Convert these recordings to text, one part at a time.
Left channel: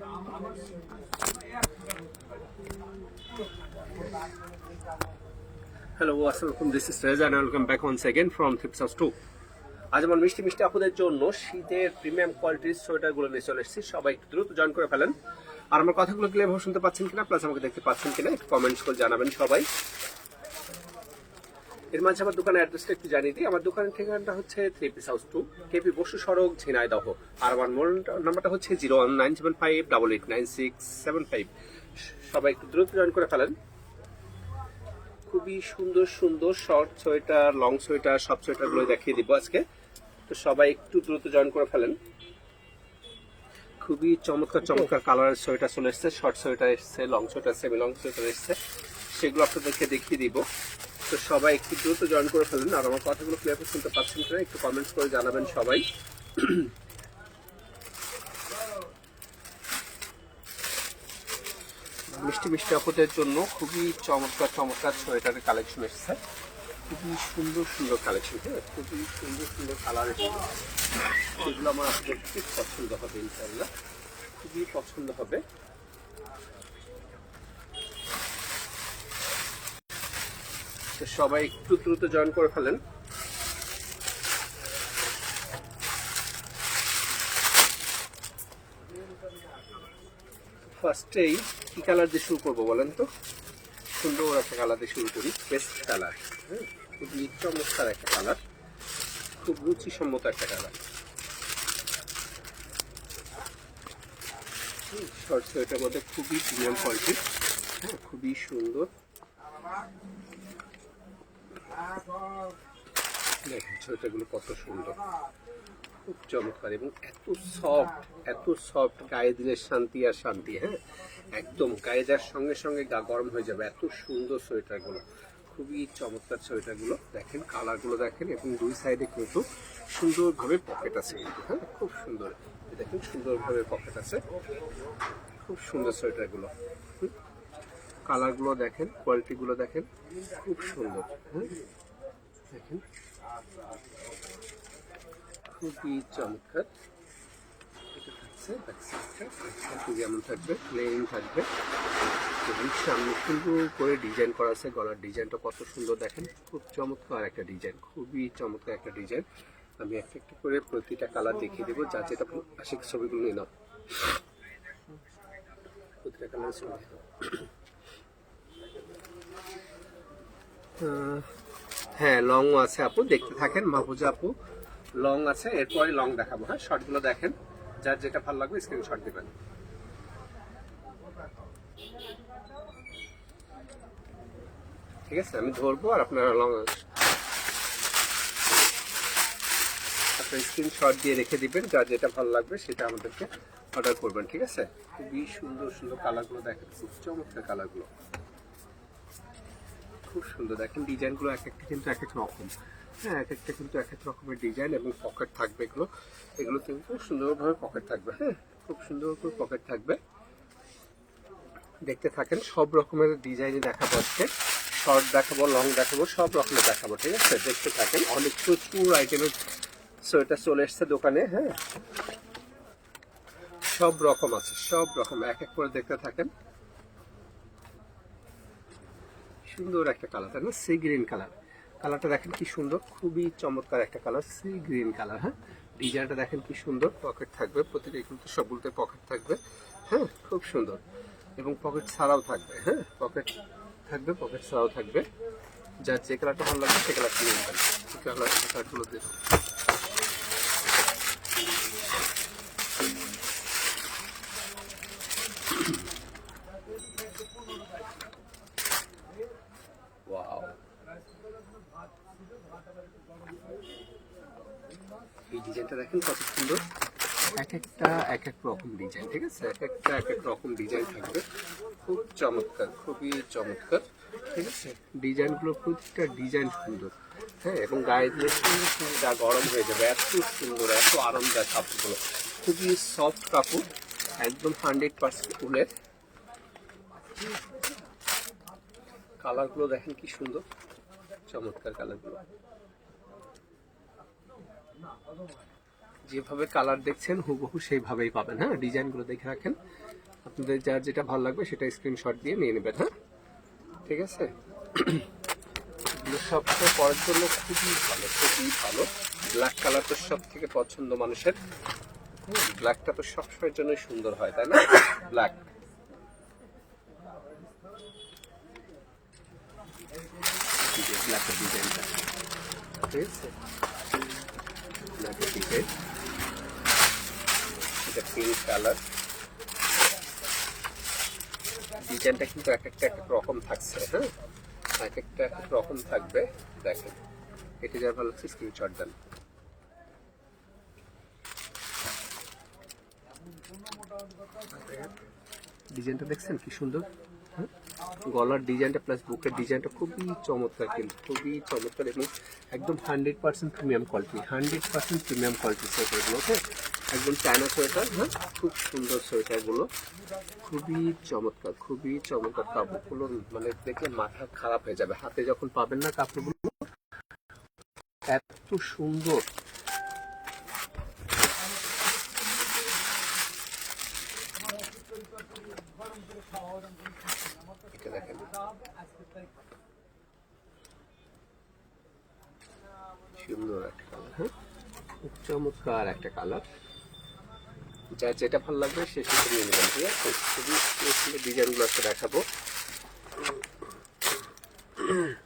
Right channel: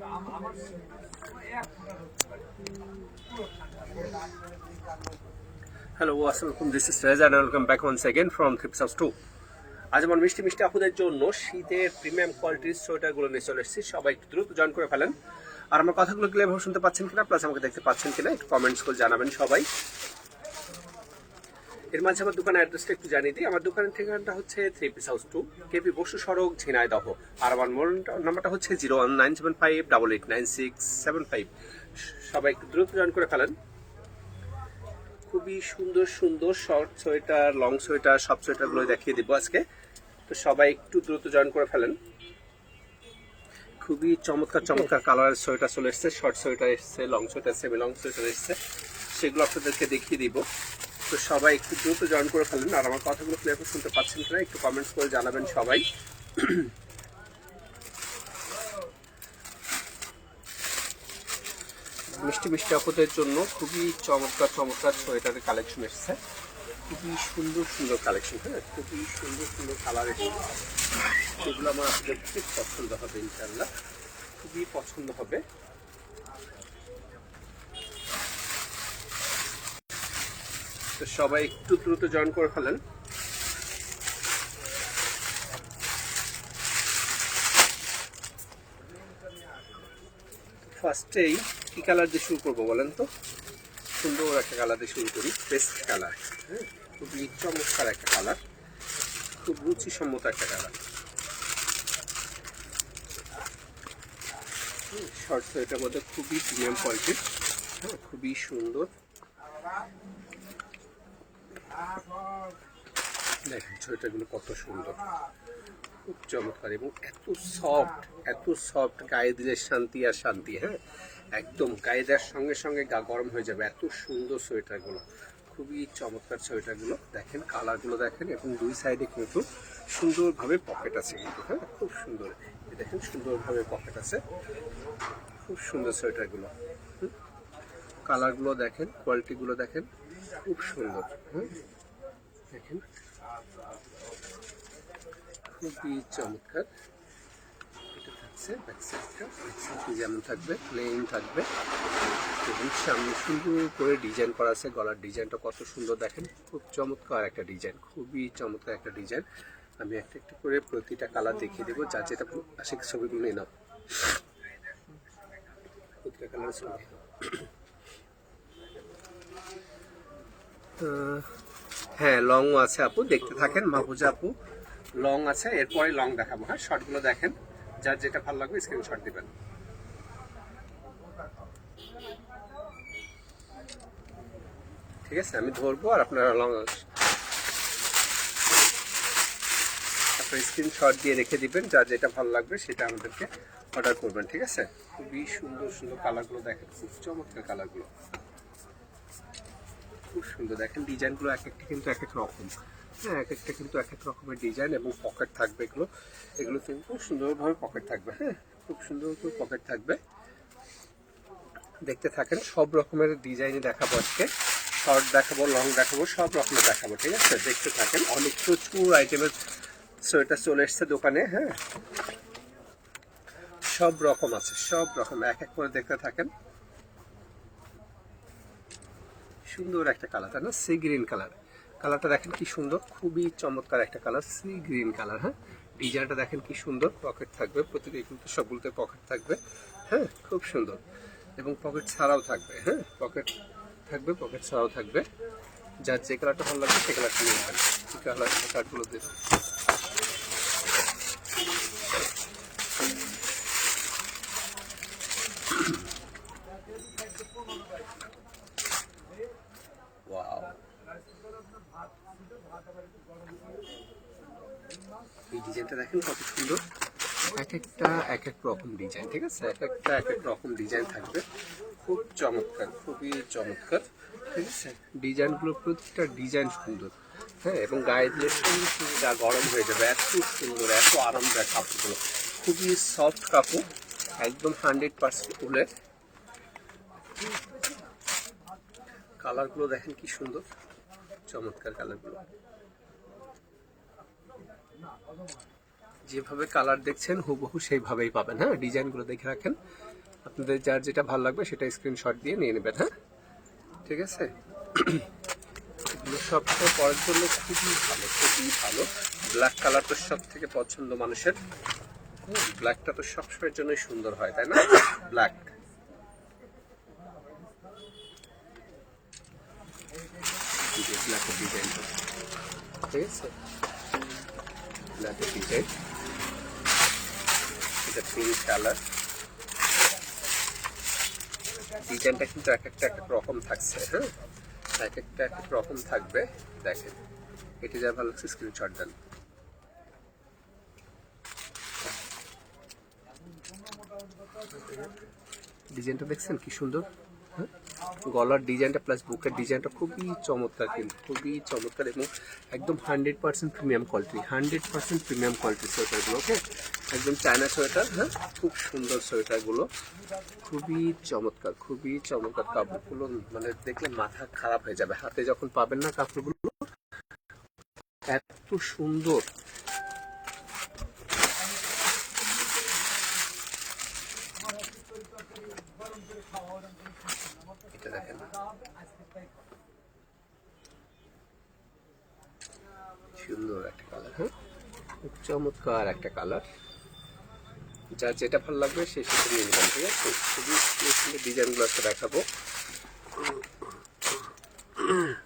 Hello, assalamualaikum. This is Reza and welcome back once again from Thrift House 2. আজ আমার মিষ্টি মিষ্টি আপুদের জন্য শীতের প্রিমিয়াম কোয়ালিটির সোয়েটারগুলো নিয়ে চলে এসেছি। সবাই একটু দ্রুত জয়েন করে ফেলেন। আর আমার কথাগুলো ক্লিয়ার শুনতে পাচ্ছেন কিনা, প্লাস আমাকে দেখতে পাচ্ছেন কিনা একটু কমেন্টস করে জানাবেন সবাই। এর মাঝে আমার দোকানের অ্যাড্রেসটা একটু জানিয়ে দিই। আমার দোকানের ঠিকানাটা হচ্ছে থ্রিপিস হাউস 2, কেপি বসু সড়ক, ঝিনাইদহ। আর আমার মোবাইল নাম্বারটা হচ্ছে 01975889675। সবাই একটু দ্রুত জয়েন করে ফেলেন। খুবই সুন্দর সুন্দর শর্ট সোয়েটার, লং সোয়েটার, সব সোয়েটারগুলো দেখিয়ে দিব আজকে। তো সবাই একটু দ্রুত জয়েন করে ফেলেন। খুবই চমৎকার চমৎকার কালারের সোয়েটার চলে এসছে। শর্ট সোয়েটার এসছে, long sweater, semi long sweater এসছে, সেগুলো আপনাদেরকে দেখিয়ে দিব। তো সবাই একটু দ্রুত জয়েন করে ফেলেন। আর আমার কথাগুলো ক্লিয়ার শুনতে পাচ্ছেন কিনা একটু কমেন্টস করে জানাবেন সবাই। মিষ্টি মিষ্টি আপুদের জন্য খুবই চমৎকার চমৎকার সোয়েটারের কালেকশন এসছে। খুবই সুন্দর সুন্দর কালেকশন, হ্যাঁ, খুবই সুন্দর সুন্দর কালার এসেছে। সেগুলো আমার আপনাদের খুব পছন্দ হবে ইনশাআল্লাহ, খুবই পছন্দ হবে। তো সবাই একটু দ্রুত জয়েন করে ফেলেন। ফার্স্টেই কি কালার দিয়ে শুরু করবো বলেন তো? সুন্দর একটা কালার দিয়ে শুরু করি, বেস্ট কালার, হ্যাঁ, খুবই চমৎকার একটা কালার, খুব রুচিসম্মত একটা কালার। শর্ট সোয়েটার মধ্যে খুবই প্রিমিয়াম কোয়ালিটির, হ্যাঁ, খুবই সুন্দর। দেখেন সোয়েটারগুলো কত সুন্দর, খুব চমৎকার এবং এত সফট, গায়ে দিলে শান্তি আর শান্তি, হ্যাঁ, একদম গায়ে দেওয়ার সঙ্গে সঙ্গে গা গরম হয়ে যাবে। এত সুন্দর সোয়েটারগুলো, খুবই চমৎকার সোয়েটারগুলো। দেখেন কালারগুলো দেখেন, এবং দুই সাইডে কিন্তু সুন্দরভাবে পকেট আছে কিন্তু, হ্যাঁ, খুব সুন্দর। দেখেন সুন্দরভাবে পকেট আছে, খুব সুন্দর সোয়েটারগুলো। কালারগুলো দেখেন, কোয়ালিটিগুলো দেখেন, খুব সুন্দর, হ্যাঁ, দেখেন খুবই চমৎকার। এটা থাকছে ব্যাকসাইডটা, যেমন থাকবে প্লেন থাকবে, এবং সামনে সুন্দর করে ডিজাইন করা আছে। গলার ডিজাইনটা কত সুন্দর দেখেন, খুব চমৎকার একটা ডিজাইন, খুবই চমৎকার একটা ডিজাইন। আমি একটা একটা করে প্রতিটা কালার দেখিয়ে দেবো, যা যেটা আসে ছবিগুলো নিয়ে নাও, প্রতিটা কালার ছবি। হ্যাঁ, লং আছে আপু, দেখতে থাকেন মাহফুজা আপু, লং আছে, এরপরে লং দেখাবো। হ্যাঁ, শর্টগুলো দেখেন, যার যেটা ভালো লাগবে স্ক্রিনশট দিবেন। ঠিক আছে, আমি ধরবো আর আপনারা লং আপনার স্ক্রিনশট দিয়ে রেখে দিবেন, যার যেটা ভালো লাগবে সেটা আমাদেরকে অর্ডার করবেন। ঠিক আছে, খুবই সুন্দর সুন্দর কালারগুলো দেখেন, খুব চমৎকার কালারগুলো, খুব সুন্দর। দেখেন ডিজাইনগুলো এক একটা কিন্তু এক এক রকম, হ্যাঁ, এক একটা কিন্তু এক এক রকমের ডিজাইন, এবং পকেট থাকবে এগুলো কিন্তু খুব সুন্দরভাবে পকেট থাকবে, হ্যাঁ, খুব সুন্দর করে পকেট থাকবে। দেখতে থাকেন, সব রকমের ডিজাইনই দেখাবো আজকে, শর্ট দেখাবো, লং দেখাবো, সব রকমের দেখাবো। ঠিক আছে, দেখতে থাকেন, অনেক প্রচুর আইটেমের সোয়েটার চলে এসছে দোকানে, হ্যাঁ, সব রকম আছে, সব রকম, এক এক করে দেখতে থাকেন। সুন্দর একটা কালার, তাই না? সি গ্রিন কালার, কালারটা দেখেন কি সুন্দর, খুবই চমৎকার একটা কালার, সি গ্রিন কালার। হ্যাঁ, ডিজাইনটা দেখেন কি সুন্দর, পকেট থাকবে প্রতিটা, কিন্তু সবগুলোতে পকেট থাকবে, হ্যাঁ, খুব সুন্দর, এবং পকেট ছাড়াও থাকবে, হ্যাঁ, পকেট থাকবে, পকেট ছাড়াও থাকবে। যার যে কালারটা ভালো লাগবে সে কালারটা নিয়ে নেবেন। কালারগুলো দেখুন, ওয়াও, এই ডিজাইনটা দেখেন কত সুন্দর, এক একটা এক এক রকম ডিজাইন। ঠিক আছে, এক একটা এক এক রকম ডিজাইন থাকবে, খুব চমৎকার, খুবই চমৎকার। ঠিক আছে, ডিজাইনগুলো প্রতিটা ডিজাইন সুন্দর, হ্যাঁ, এবং গায়ে দিয়ে সঙ্গে সঙ্গে গা গরম হয়ে যাবে, এত সুন্দর, এত আরামদায়ক কাপড়গুলো, খুবই সফট কাপড়, একদম 100% উলের। কালারগুলো দেখেন কি সুন্দর, চমৎকার কালারগুলো। যেভাবে কালার দেখছেন হুবহু সেইভাবেই পাবেন। হ্যাঁ, ডিজাইনগুলো দেখে রাখেন, আপনাদের যার যেটা ভালো লাগবে সেটা স্ক্রিনশট দিয়ে নিয়ে নেবেন। হ্যাঁ, ঠিক আছে। সবসময় পরার জন্য খুবই ভালো, খুবই ভালো। ব্ল্যাক কালার তো সব থেকে পছন্দ মানুষের। ব্ল্যাকটা তো সবসময়ের জন্য সুন্দর হয়, তাই না? ব্ল্যাক ব্ল্যাকের ডিজাইনটা, ঠিক আছে, ব্ল্যাকের ডিজাইন, এটা পিঙ্ক কালার। ডিজাইনটা কিন্তু এক একটা এক এক রকম থাকছে। হ্যাঁ, এক একটা এক এক রকম থাকবে। দেখেন, এটি যা ভালো লাগছে স্ক্রিনশট দেন। ডিজাইনটা দেখছেন কি সুন্দর। হ্যাঁ, গলার ডিজাইনটা প্লাস বুকের ডিজাইনটা খুবই চমৎকার, কিন্তু খুবই চমৎকার এবং একদম 100% প্রিমিয়াম কোয়ালিটি, 100% প্রিমিয়াম কোয়ালিটি সোয়েটারগুলো। ওকে, একদম চায়না সোয়েটার। হ্যাঁ, খুব সুন্দর সোয়েটারগুলো, খুবই চমৎকার, খুবই চমৎকার। কাপড়গুলো মানে দেখলে মাথা খারাপ হয়ে যাবে, হাতে যখন পাবেন না কাপড়গুলো এত সুন্দর। এটা দেখেন, সুন্দর একটা কালার। হ্যাঁ, খুব চমৎকার একটা কালার। যার যেটা ভালো লাগবে সে সেটা নিয়ে নেবেন। ঠিক আছে, খুবই সুন্দর ডিজাইনগুলো আজকে দেখাবো।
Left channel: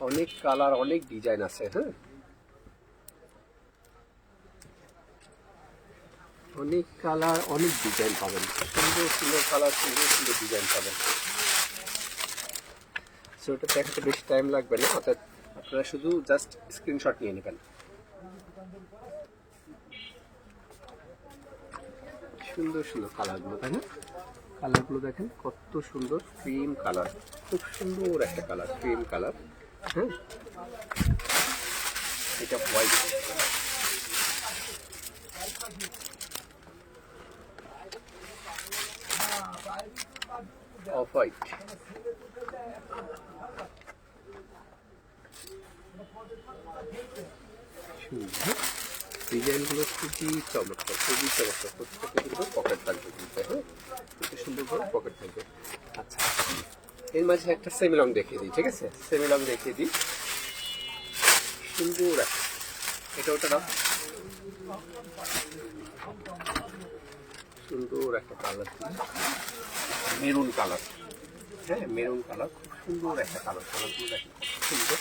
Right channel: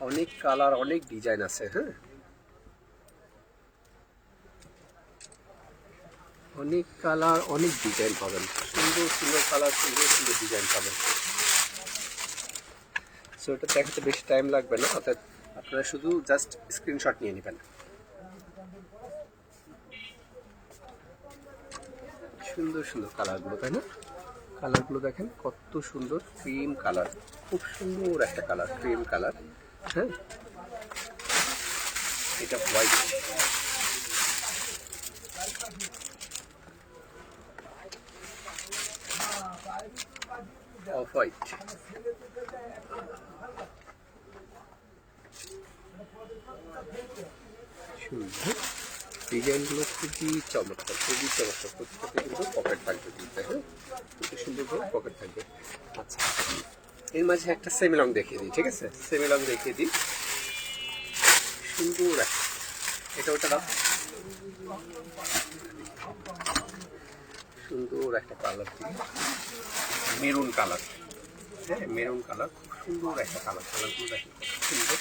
অনেক কালার, অনেক ডিজাইন আছে। হ্যাঁ, অনেক কালার, অনেক ডিজাইন পাবেন। সুন্দর সুন্দর কালার, সুন্দর সুন্দর ডিজাইন পাবেন। সো এটা দেখাতে বেশি টাইম লাগবে না, অর্থাৎ আপনারা শুধু জাস্ট স্ক্রিনশট নিয়ে নেবেন। সুন্দর সুন্দর কালারগুলো, তাই না? কালারগুলো দেখেন কত সুন্দর, ক্রিম কালার, খুব সুন্দর একটা কালার, ক্রিম কালার। হ্যাঁ, এটা হোয়াইট, অফ হোয়াইট। সুন্দর ডিজাইনগুলো, খুবই চমৎকার, খুবই চমৎকার। প্রত্যেকটা কিন্তু পকেট থাকবে কিন্তু। হ্যাঁ, খুব সুন্দর করে পকেট থাকবে। আচ্ছা, এর মাঝে একটা সেমি লং দেখিয়ে দিই। ঠিক আছে, সেমি লং দেখিয়ে দিই। সুন্দর এটা ওটা দাও। সুন্দর একটা কালার, মেরুন কালার। হ্যাঁ, মেরুন কালার, খুব সুন্দর একটা কালার। কালারগুলো দেখেন সুন্দর,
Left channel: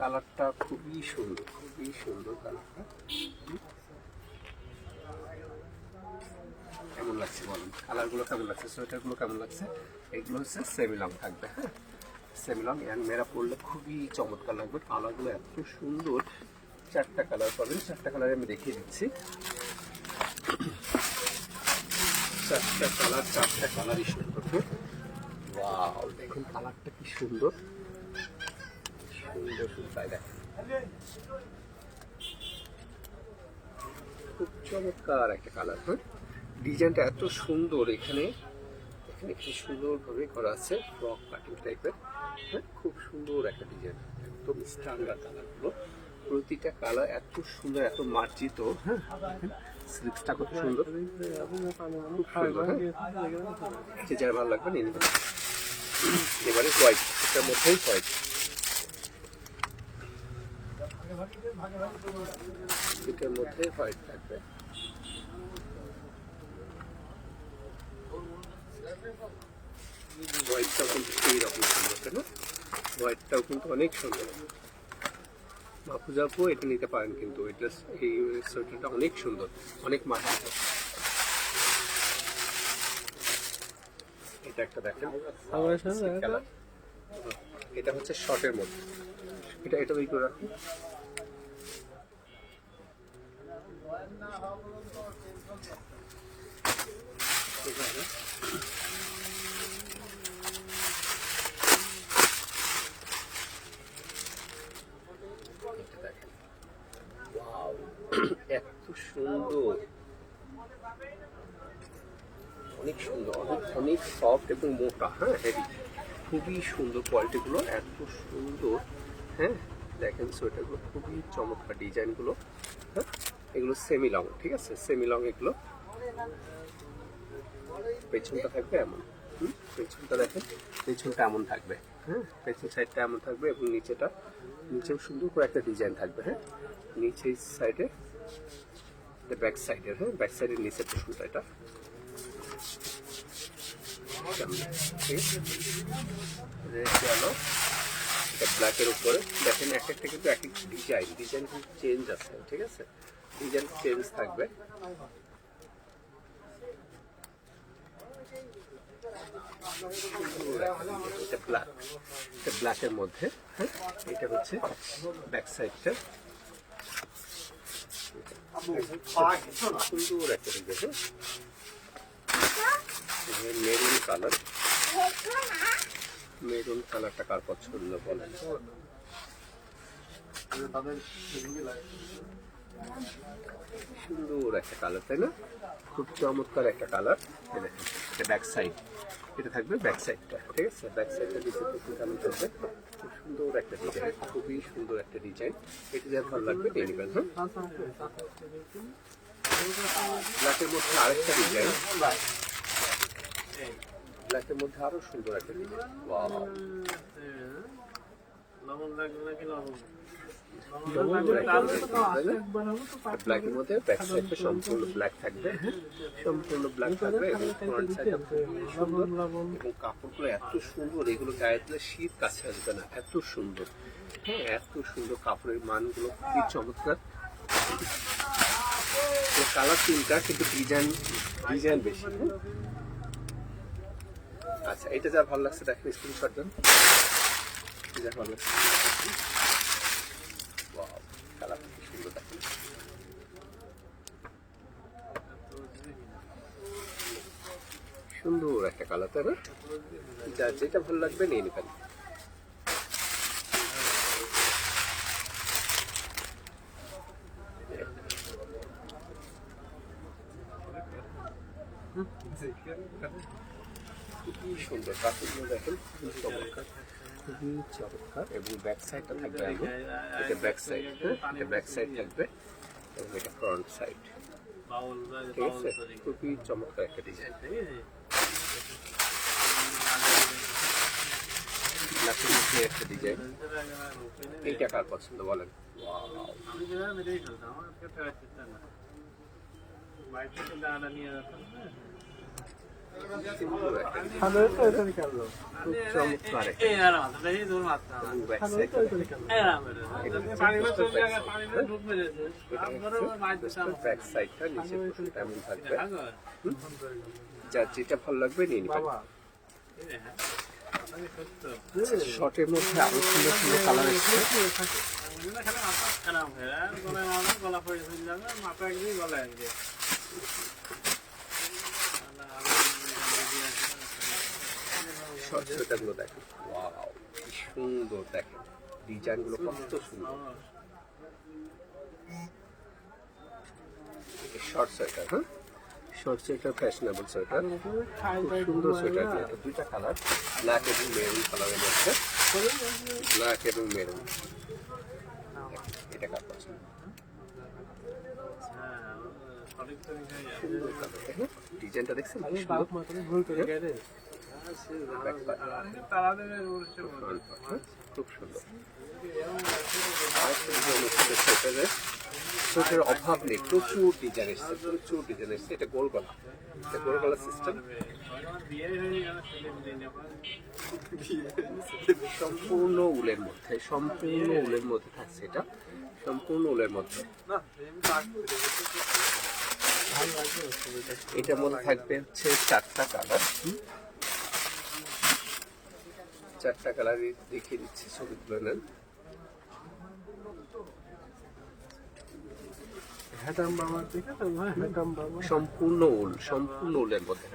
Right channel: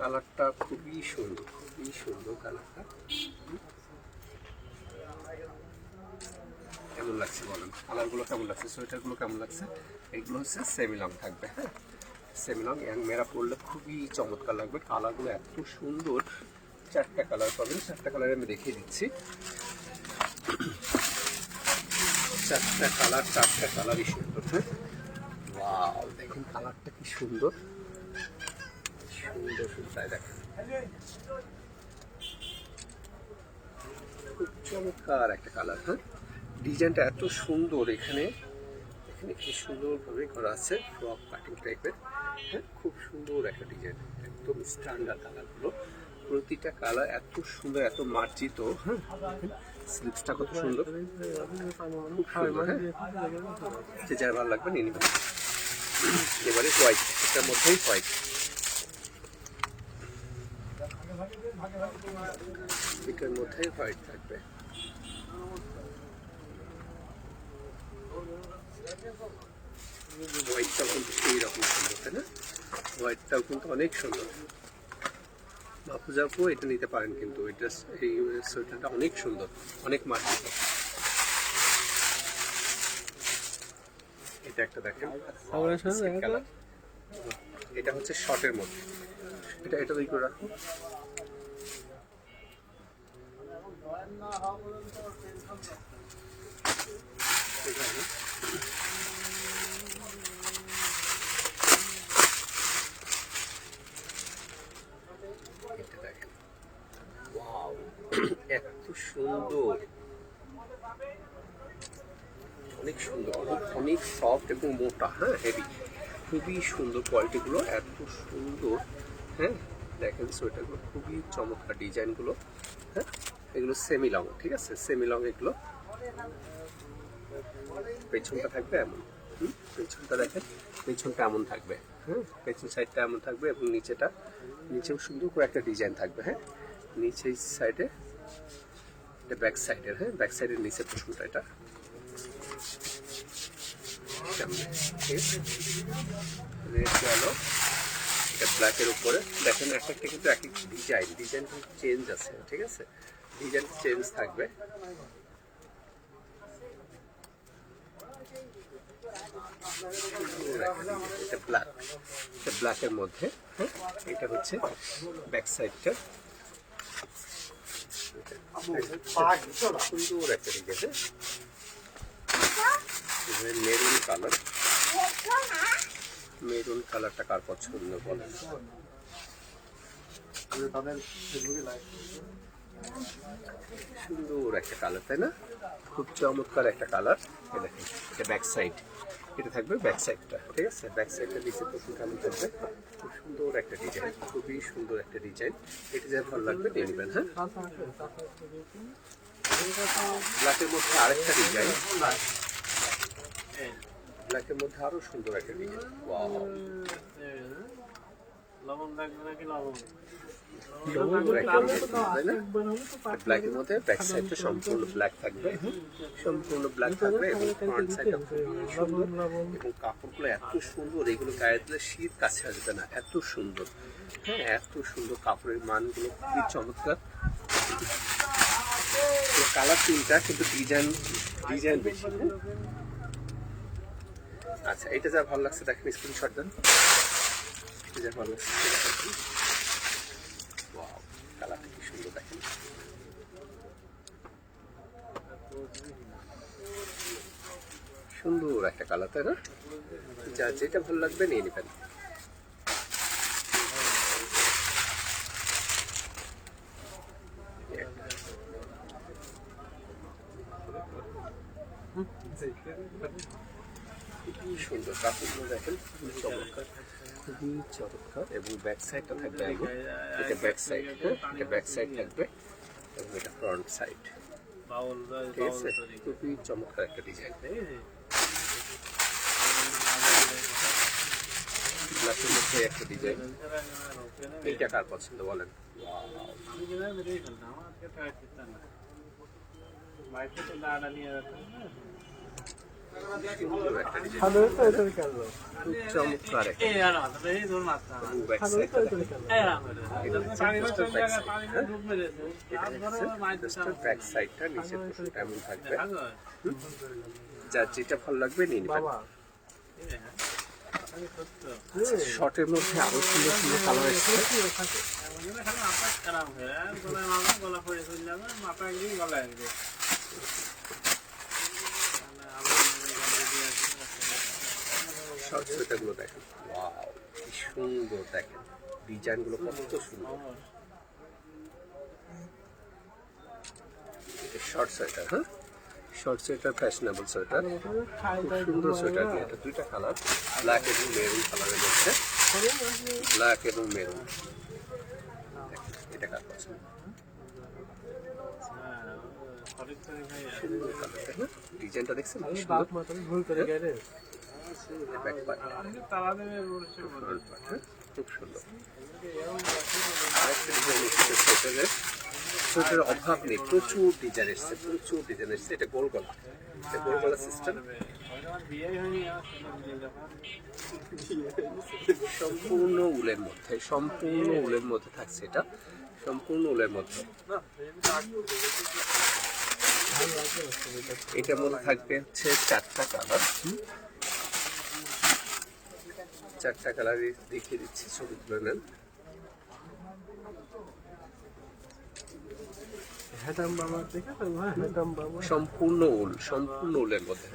কালারটা খুবই সুন্দর, খুবই সুন্দর কালারটা। কেমন লাগছে বলেন, কালারগুলো কেমন লাগছে, সোয়েটারগুলো কেমন লাগছে? এগুলো হচ্ছে সেমি লং থাকবে। হ্যাঁ, সেমি লং ইয়াং মেয়েরা পরলে খুবই চমৎকার লাগবে। কালারগুলো এত সুন্দর, 4টা কালার পাবেন। 4টা কালারে আমি দেখিয়ে দিচ্ছি। 4টা কালার, 4টা কালারই সুন্দর। হ্যাঁ, ওয়াও, দেখেন কালারটা কি সুন্দর, সুন্দর সুন্দর। তাই দেখেন, খুব চমৎকার একটা কালার। হ্যাঁ, ডিজাইনটা এত সুন্দর। এখানে এখানে কি সুন্দরভাবে করা আছে, ফ্রক কাটিং টাইপের। হ্যাঁ, খুব সুন্দর একটা ডিজাইন, একদম স্ট্যান্ডার্ড কালারগুলো। প্রতিটা কালার এত সুন্দর, এত মার্জিত। হ্যাঁ, স্লিপসটা কত সুন্দর, খুব সুন্দর। হ্যাঁ, যার ভালো লাগবে নিয়ে নেবেন। এবারে হোয়াইট, এটার মধ্যেই হোয়াইট, এটার মধ্যেই হোয়াইট থাকবে। হোয়াইটটাও কিন্তু সেই রকম সুন্দর, তাই না? হোয়াইটটাও কিন্তু অনেক সুন্দর। মাপুজাপু এটা নিতে পারেন, কিন্তু এই সোয়েটারটা অনেক সুন্দর, অনেক মার্জিত। এটা একটা দেখেন কালার, এটা হচ্ছে শর্টের মধ্যে। এটা ওই করে রাখুন। দেখেন, ওয়াও, এত সুন্দর, অনেক সুন্দর, অনেক সফট এবং মোটা। হ্যাঁ, হেভি, খুবই সুন্দর কোয়ালিটিগুলো, এত সুন্দর। হ্যাঁ, দেখেন সোয়েটারগুলো খুবই চমৎকার, ডিজাইনগুলো হ্যাঁ, এগুলো সেমি লং, ঠিক আছে, সেমি লং এগুলো। পেছনটা থাকবে এমন, পেছনটা দেখেন, পেছনটা এমন থাকবে, হ্যাঁ, পেছন সাইডটা এমন থাকবে এবং নিচেও সুন্দর করে একটা ডিজাইন থাকবে। হ্যাঁ, নিচের সাইডে, এটা ব্যাক সাইডের, হ্যাঁ, ব্যাক সাইডের নিচের পোর্শনটা এটা, ঠিক আছে। রেড গেলো, এটা ব্ল্যাকের উপরে দেখেন, একটা কিন্তু এক এক ডিজাইন কিন্তু চেঞ্জ আছে, ঠিক আছে, ডিজাইন চেঞ্জ থাকবে। এটা ব্ল্যাক, এটা ব্ল্যাকের মধ্যে, হ্যাঁ, এটা হচ্ছে ব্যাক সাইডটা, সুন্দর একটা ডিজাইন, মেরুন কালার, মেরুন কালারটা কার পছন্দ বলেন? সুন্দর একটা কালার, তাই না? খুব চমৎকার একটা কালার। এটা ব্যাক সাইড, এটা থাকবে ব্যাক সাইডটা, ঠিক আছে, ব্যাক সাইডটা দিচ্ছে প্রচুর কালার থাকবে, খুব সুন্দর একটা ডিজাইন, খুবই সুন্দর একটা ডিজাইন। এটা যা ভালো লাগবে নিয়ে নেবেন। হ্যাঁ, ব্ল্যাকের মধ্যে আরেকটা ডিজাইন, ব্ল্যাকের মধ্যে আরো সুন্দর একটা ডিজাইন। ওয়াও, ব্ল্যাকের মধ্যে ব্যাক সাইডটা সম্পূর্ণ ব্ল্যাক থাকবে, সম্পূর্ণ ব্ল্যাক থাকবে এবং ফ্রন্ট সাইডটা খুবই সুন্দর এবং কাপড়গুলো এত সুন্দর, এগুলো গায়ে দিলে শীত কাছে আসবে না, এত সুন্দর। হ্যাঁ, এত সুন্দর কাপড়ের মানগুলো খুবই চমৎকার। কালার তিনটা কিন্তু ডিজাইন বেশি। আচ্ছা, এটা যা ভালো লাগছে দেখেন, স্ক্রিনশট দেন, যা ভালো লাগছে। ওয়াও, কালারটা কি সুন্দর দেখেন, সুন্দর একটা কালার, তাই না? যা যেটা ভালো লাগবে নিয়ে নেবেন। খুবই সুন্দর কাপড়গুলো দেখেন, খুবই চমৎকার, খুবই চমৎকার এবং ব্যাক সাইডটা থাকবে এমন, এটা ব্যাক সাইড, হ্যাঁ, এটা ব্যাক সাইড থাকবে এবং এটা ফ্রন্ট সাইড, ঠিক আছে, খুবই চমৎকার একটা ডিজাইন। ব্ল্যাকের মধ্যে একটা ডিজাইন, এইটা কার পছন্দ বলেন? যার যেটা ভালো লাগবে নিয়ে নিবেন। শর্টের মধ্যে আরো সুন্দর সুন্দর কালার এসেছে, শর্ট সোয়েটারগুলো দেখেন, ওয়াও কি সুন্দর, দেখেন ডিজাইনগুলো কত সুন্দর। এটা শর্ট সোয়েটার, হ্যাঁ, শর্ট সোয়েটার, ফ্যাশনেবল সোয়েটার, সুন্দর সোয়েটার। এটা দুইটা কালার, ব্ল্যাক এবং মেরুন কালারের মধ্যে, ব্ল্যাক এবং মেরুন। এটা কার পছন্দ? সুন্দর কালার, তাই না? ডিজাইনটা দেখছেন খুব সুন্দর। সোয়েটারের অভাব নেই, প্রচুর ডিজাইন এসছে, প্রচুর ডিজাইন এসছে। এটা গোল গলা, এটা গোল গলা সিস্টেম, সম্পূর্ণ উলের মধ্যে, সম্পূর্ণ উলের মধ্যে থাকছে, এটা সম্পূর্ণ উলের মধ্যে। এটার মধ্যে থাকবে হচ্ছে চারটা কালার, চারটা কালার দেখিয়ে দিচ্ছি, ছবি তুলে নেন। সম্পূর্ণ উল, সম্পূর্ণ উলের মধ্যে,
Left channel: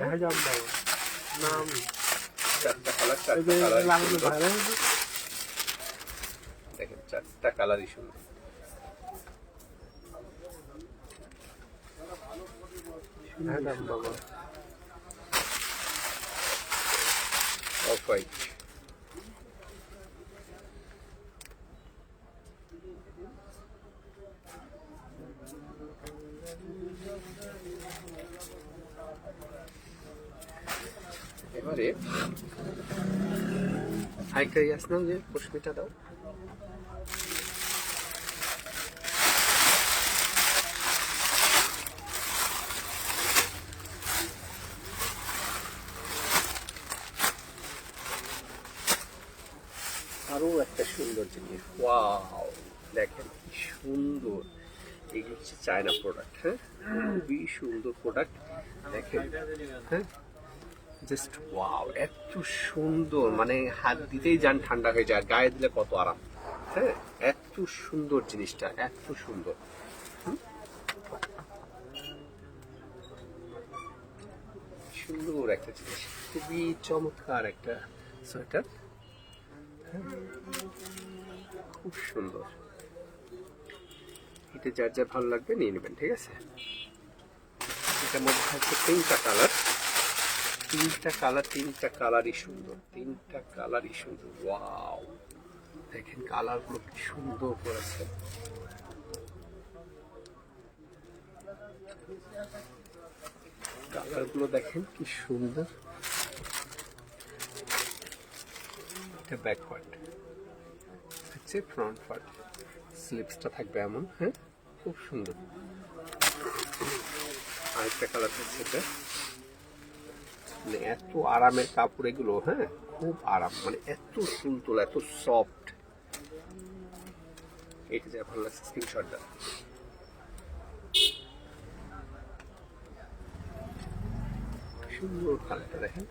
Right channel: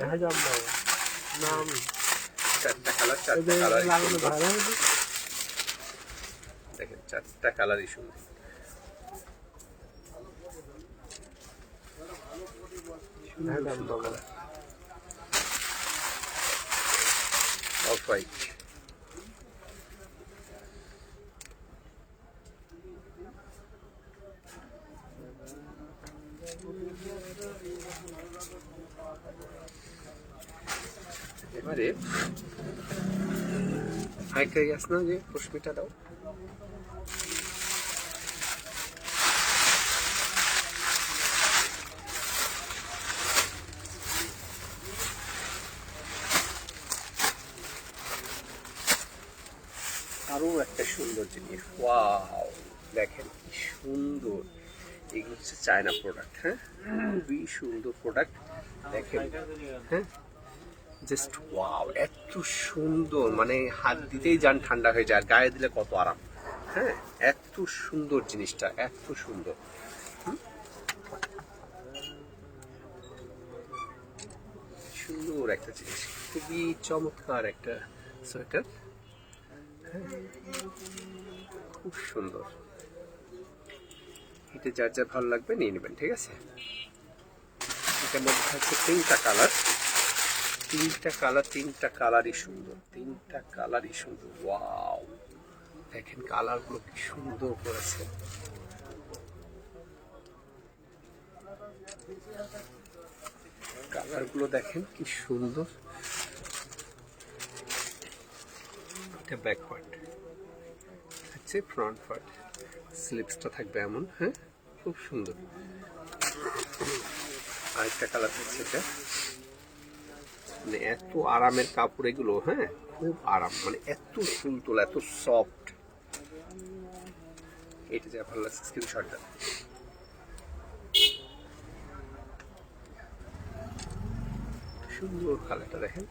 চারটা কালার, চারটা কালার দেখেন, চারটা কালারই সুন্দর। অফ হোয়াইট, এবারে আরেকটাই আছে না যে পশমিটা দাও। আরো একটা সুন্দর জিনিস, ওয়াও দেখেন কি সুন্দর, এগুলো হচ্ছে চায়না প্রোডাক্ট। হ্যাঁ, খুবই সুন্দর প্রোডাক্ট দেখেন। হ্যাঁ, জাস্ট ওয়াও, এত সুন্দর, মানে হাত দিতেই যান ঠান্ডা হয়ে যায়, আর গায়ে দিলে কত আরাম। হ্যাঁ, এত সুন্দর জিনিসটা, এত সুন্দর। সুন্দর একটা জিনিস, খুবই চমৎকার একটা সোয়েটার। খুব সুন্দর, এটা যার যা ভালো লাগবে নিয়ে নেবেন, ঠিক আছে। এটার মধ্যে থাকছে তিনটা কালার, তিনটা কালারই সুন্দর, তিনটা কালারই সুন্দর। ওয়াও দেখেন কালারগুলো কি সুন্দর করেছে। কালারগুলো দেখেন কি সুন্দর। এটা ব্যাক পার্ট, হচ্ছে ফ্রন্ট পার্ট, স্লিপসটা থাকবে এমন। হ্যাঁ, খুব সুন্দর। আরেকটা কালার হচ্ছে এটা, মানে এত আরামের কাপড় এগুলো। হ্যাঁ, খুব আরাম, মানে এত সুন্দর, এত সফট। এটা যা ভালো লাগছে স্ক্রিনশট দাও। সুন্দর কালারটা দেখেন,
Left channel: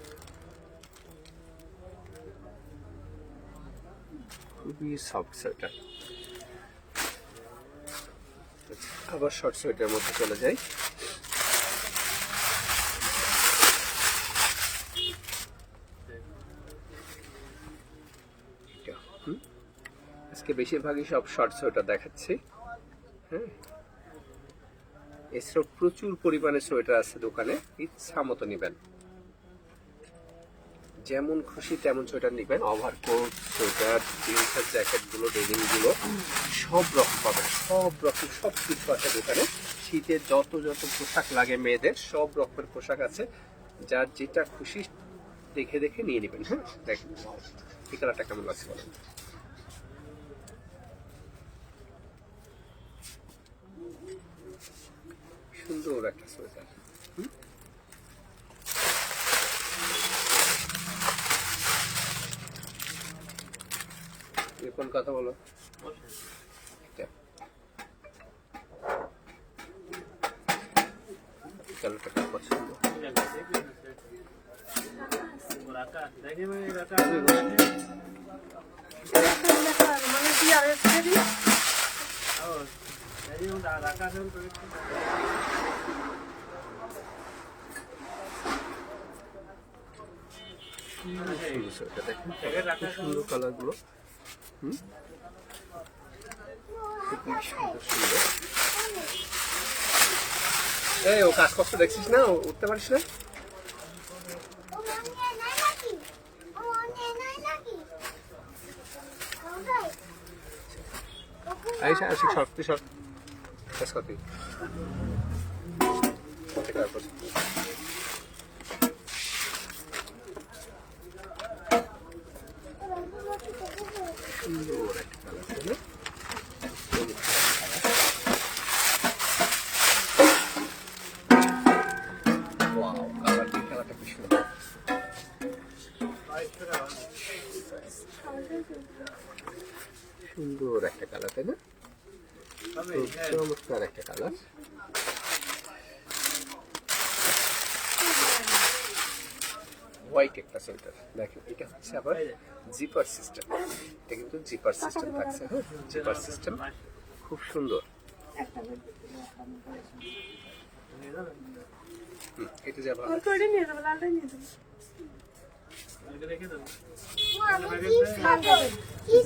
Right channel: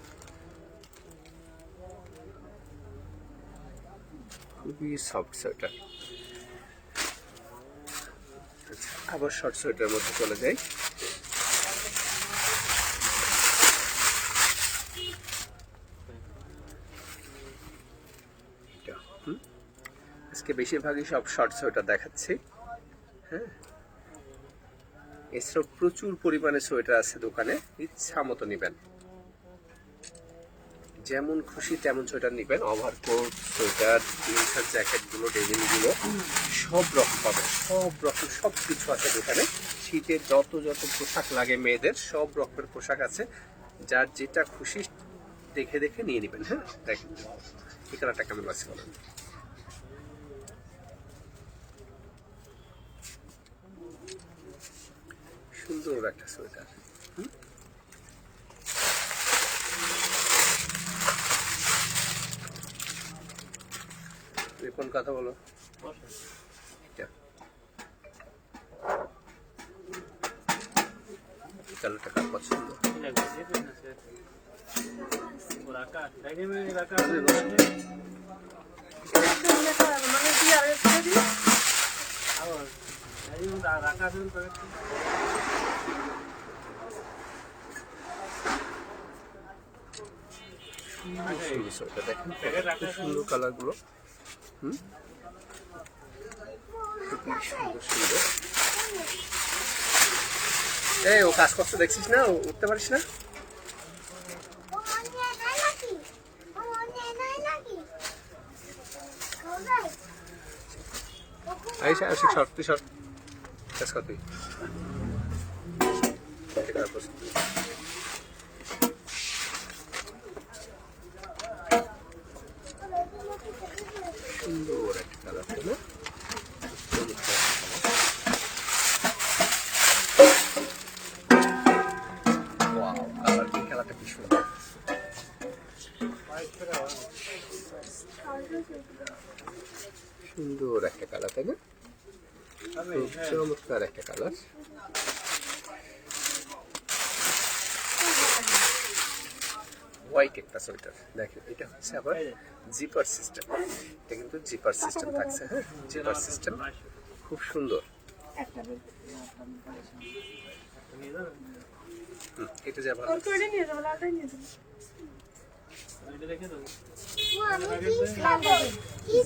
খুবই সফট সোয়েটার। আবার শর্ট সোয়েটার মধ্যে চলে যাই। আজকে বেশিরভাগই সব শর্ট সোয়েটার দেখাচ্ছি। হ্যাঁ, এছাড়াও প্রচুর পরিমাণে সোয়েটার আছে দোকানে, ইচ্ছা মতো নিবেন, যেমন খুশি তেমন সোয়েটার নিবেন। ওভারকোট, সোয়েটার, জিন্স, জ্যাকেট গুলো, ডেনিম গুলো সব রকম পাবেন, সব রকম সব কিছু আছে দোকানে। শীতে যত যত পোশাক লাগে মেয়েদের, সব রকমের পোশাক আছে, যার যেটা খুশি দেখে দেখে নিয়ে নেবেন। হ্যাঁ, দেখেন এই কালারটা কেমন লাগছে বলেন। সুন্দর একটা সোয়েটার। কোন কথা বলো, কালারটা কার পছন্দ? সুন্দর কালার গুলো, সুন্দর সুন্দর। এই ও কাজ করতে দেখছিস না, উঠতে পারিস না? আইসা আসি সব তুই সব কাজ করবি। সুন্দর একটা কালার, তাই না? খেলাটা কি সুন্দর, সুন্দর একটা কালার, তাই না? চমৎকার একটা কালার। হোয়াইট একটা সোয়েটার দেখেন, এটা হচ্ছে আবার জিপার সিস্টেম। এটা কিন্তু জিপার সিস্টেম থাকছে। হ্যাঁ, জিপার সিস্টেম খুব সুন্দর। এটা যা ভালো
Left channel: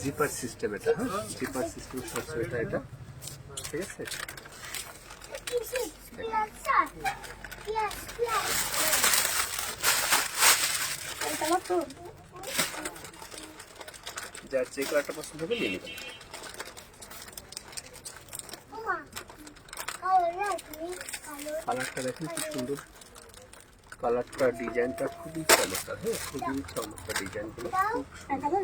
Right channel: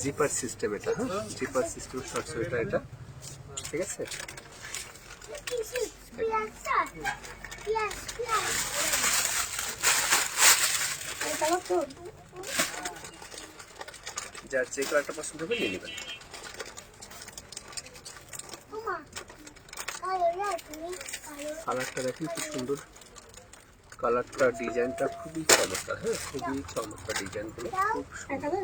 জিপার সিস্টেম, এটা হ্যাঁ জিপার সিস্টেম শর্ট সোয়েটার এটা, ঠিক আছে। যার যে কালারটা পছন্দ হবে নিয়ে নেবেন। কালারটা দেখুন কি সুন্দর, কালারটা ডিজাইনটা খুবই চমৎকার, হ্যাঁ খুবই চমৎকার ডিজাইনগুলো, খুব সুন্দর।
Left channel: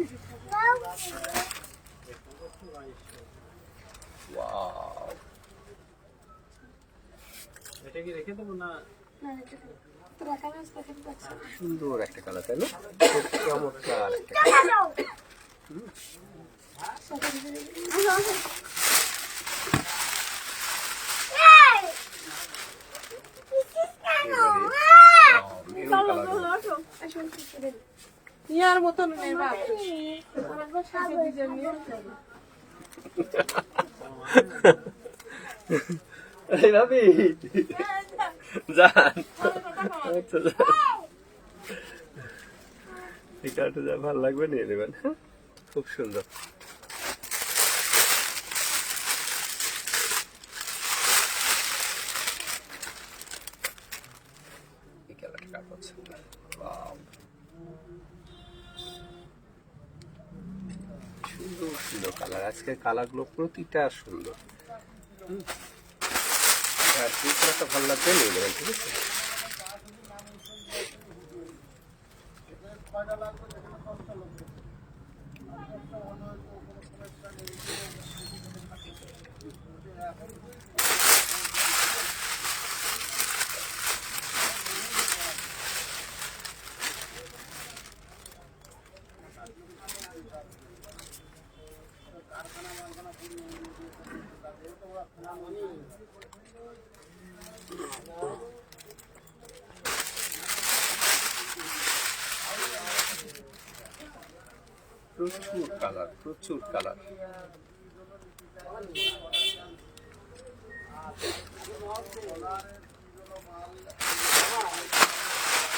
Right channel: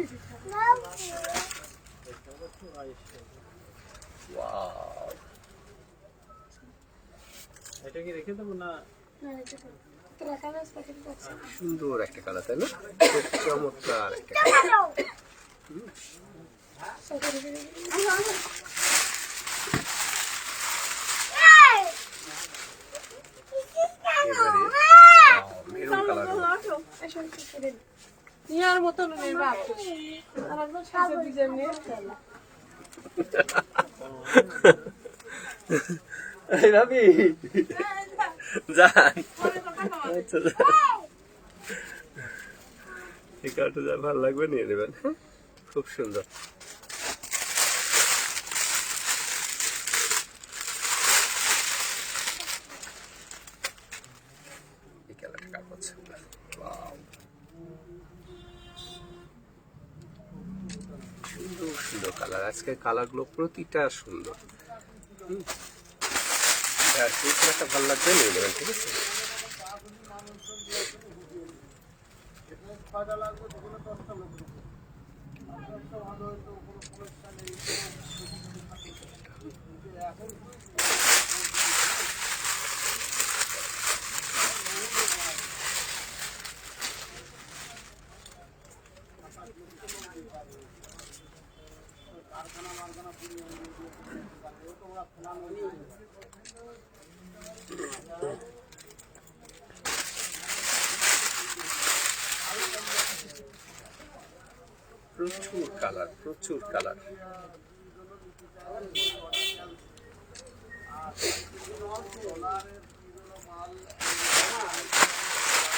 ওয়াও, এটা কি রেখে দেবো না? সুন্দর একটা কালার, তাই না? খুব চমৎকার একটা কালার। মেরুন কালার, ইয়ার মতন নেই বাপ সাথে ডিজাইন নিয়ে ভাবি যান, এই কালারটা যা ভালো লাগবে নিয়ে নেবেন, হ্যাঁ খুব সুন্দর। এই কালারটা কার পছন্দ? ওয়াও, সুন্দর সুন্দর কালার, আজকে কালারগুলো প্রতিটা সুন্দর। আর যে কালারটা ভালো লাগবে নিয়ে নেবেন, ঠিক আছে? প্রচুর কালার, প্রচুর কালার,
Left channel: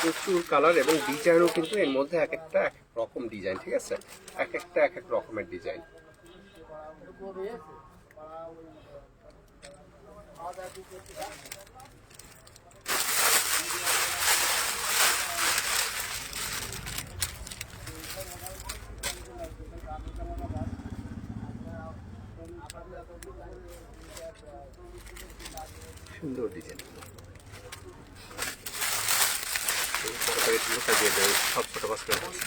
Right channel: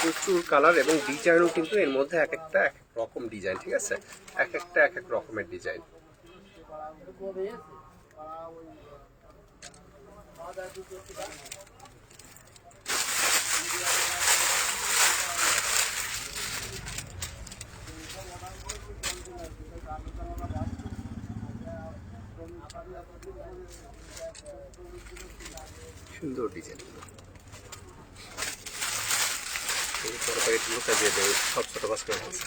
প্রচুর কালার এবং ডিজাইনও কিন্তু এর মধ্যে এক একটা এক রকম ডিজাইন, ঠিক আছে? এক একটা এক এক রকমের ডিজাইন। সুন্দর ডিজাইন, তরকারি গুলোটা দিয়ে দেবে সব ছোট বাস করে আছে।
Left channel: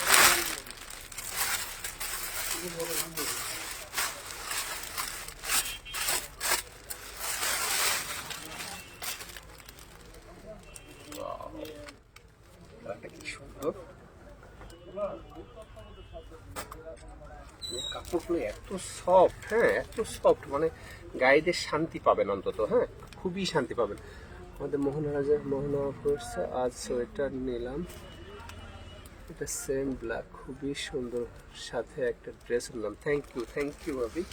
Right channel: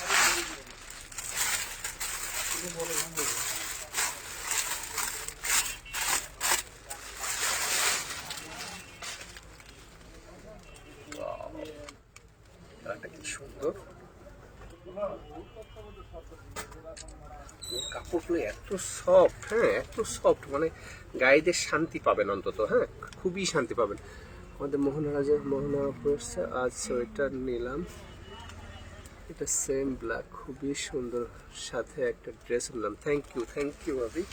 কালারটা কি সুন্দর, কাপড়গুলো এত সফট, হ্যাঁ এত সফট, মানে গায়েদের শান্তি পাবেন অন্তত, হ্যাঁ খুবই শান্তি পাবেন। আমাদের মোহনা পড়ছে, আজ সোয়েটার নিলাম, এটা সেম ব্ল্যাক, খুবই সুন্দর, সাথে একটা ড্রেস নিলাম। থ্যাংক ইউ ভাবি,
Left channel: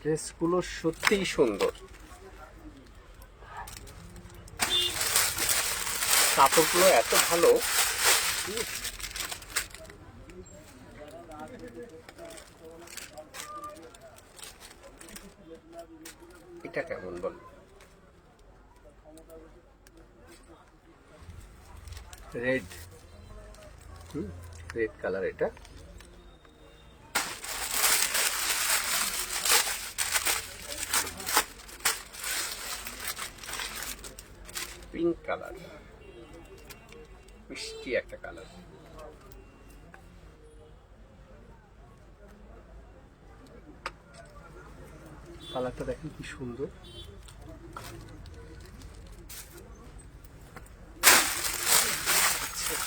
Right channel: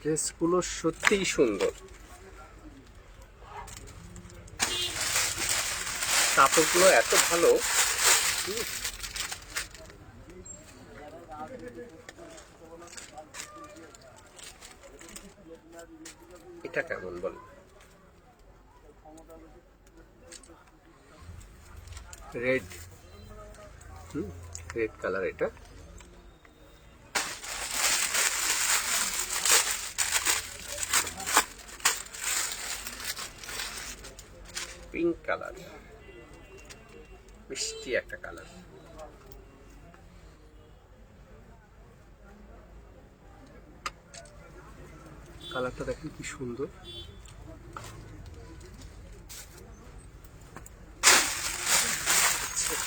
ড্রেসগুলো সত্যিই সুন্দর, কাপড়গুলো এত ভালো। এটা কেমন বল? রেড, রেড কালার, এটা পিঙ্ক কালার, মিষ্টি একটা কালার, কালারটা দেখেন কি সুন্দর।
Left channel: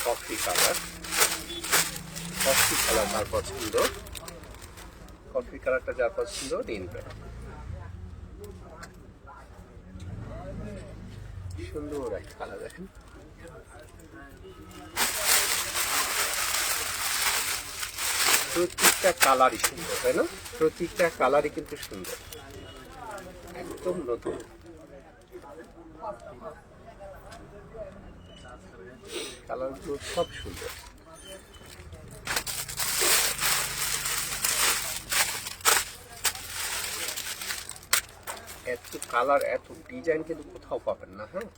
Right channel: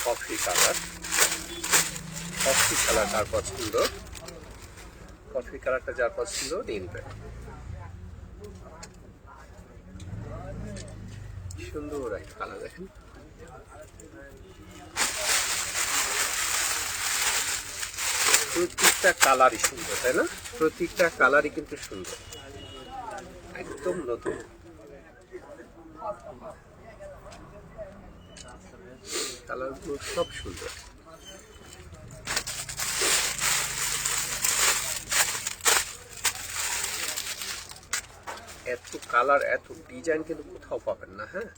কফি কালার, কফি কালার যার পছন্দ, কফি কালারটা যার পছন্দ নিন। সুন্দর একটা কালার দেখেন, প্রত্যেকটা কালারই সুন্দর, তাই না? প্রত্যেকটা কালারই কিন্তু সুন্দর, একদম নতুন। কালারগুলো সব সুন্দর, এত কালার এত ডিজাইন কিন্তু কোথাও পাবেন না, হ্যাঁ।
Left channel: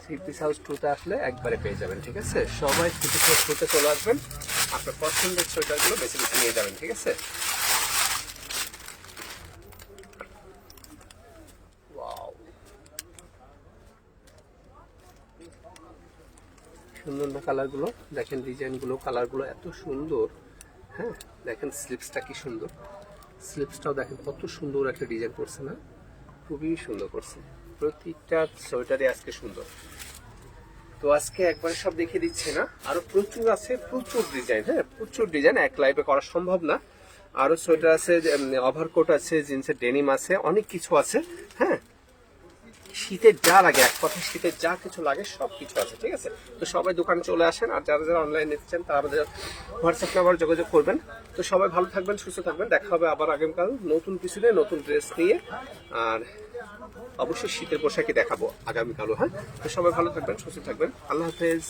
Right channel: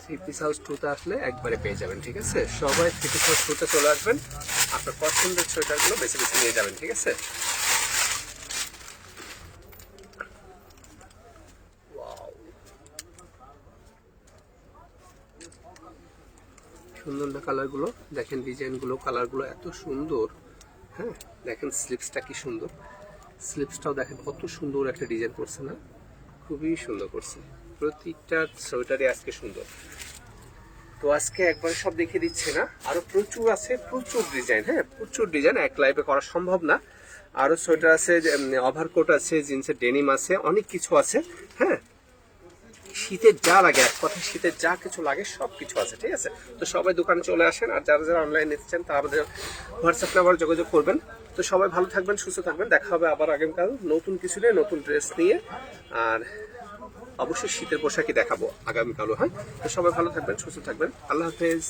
থ্রি পিস হাউস 2-তে আসলে একবারে পেয়ে যাবেন, ঠিক আছে? সবাই থ্রি পিস হাউস 2-তে চলে আসবেন, আপনার পছন্দের সোয়েটারগুলো বেছে বেছে নিয়ে যাবেন, ঠিক আছে? সুন্দর না কালারগুলো, দেখেন ডিজাইনগুলো, কালারগুলো এত সুন্দর। হ্যাঁ দেখেন স্লিপসটা কি সুন্দর, স্লিপসটাও দেখেন কত সুন্দর একটা ডিজাইন করছে না, খুবই সুন্দর করছে। প্রত্যেকটা সোয়েটারই আজকে সুন্দর। তো আজকে একবারে সব দেখিয়ে দিচ্ছে না, আরো প্রচুর আছে, প্রচুর ডিজাইন। হ্যাঁ প্রচুর ডিজাইন, এক লাইভে করা সম্ভব না। আরো সোয়েটার আছে, ওভারকোট আছে, জিন্সের ডেনিম আছে, অনেক কিছু আছে। হ্যাঁ শীতের যা লাগে, এক কথা শীতের যা কিছু লাগে সব কিছু আছে, ঠিক আছে। তো সবাই দোকানে চলে আসেন, আর যারা যারা অনলাইন নিচ্ছেন তারা আমাদের হোয়াটসঅ্যাপ নাম্বার যোগাযোগ করবেন। তো সবাই ভালো থাকবেন, সুস্থ থাকবেন, দেখা হবে আবার আগামীকাল নতুন কিছু নিয়ে, নতুন ড্রেস নিয়ে। আর অবশ্যই শীতের পোশাকই দেখাবো আগামীকালও। হ্যাঁ তো সবাই ভালো থাকবেন, সুস্থ থাকবেন, আল্লাহ হাফেজ।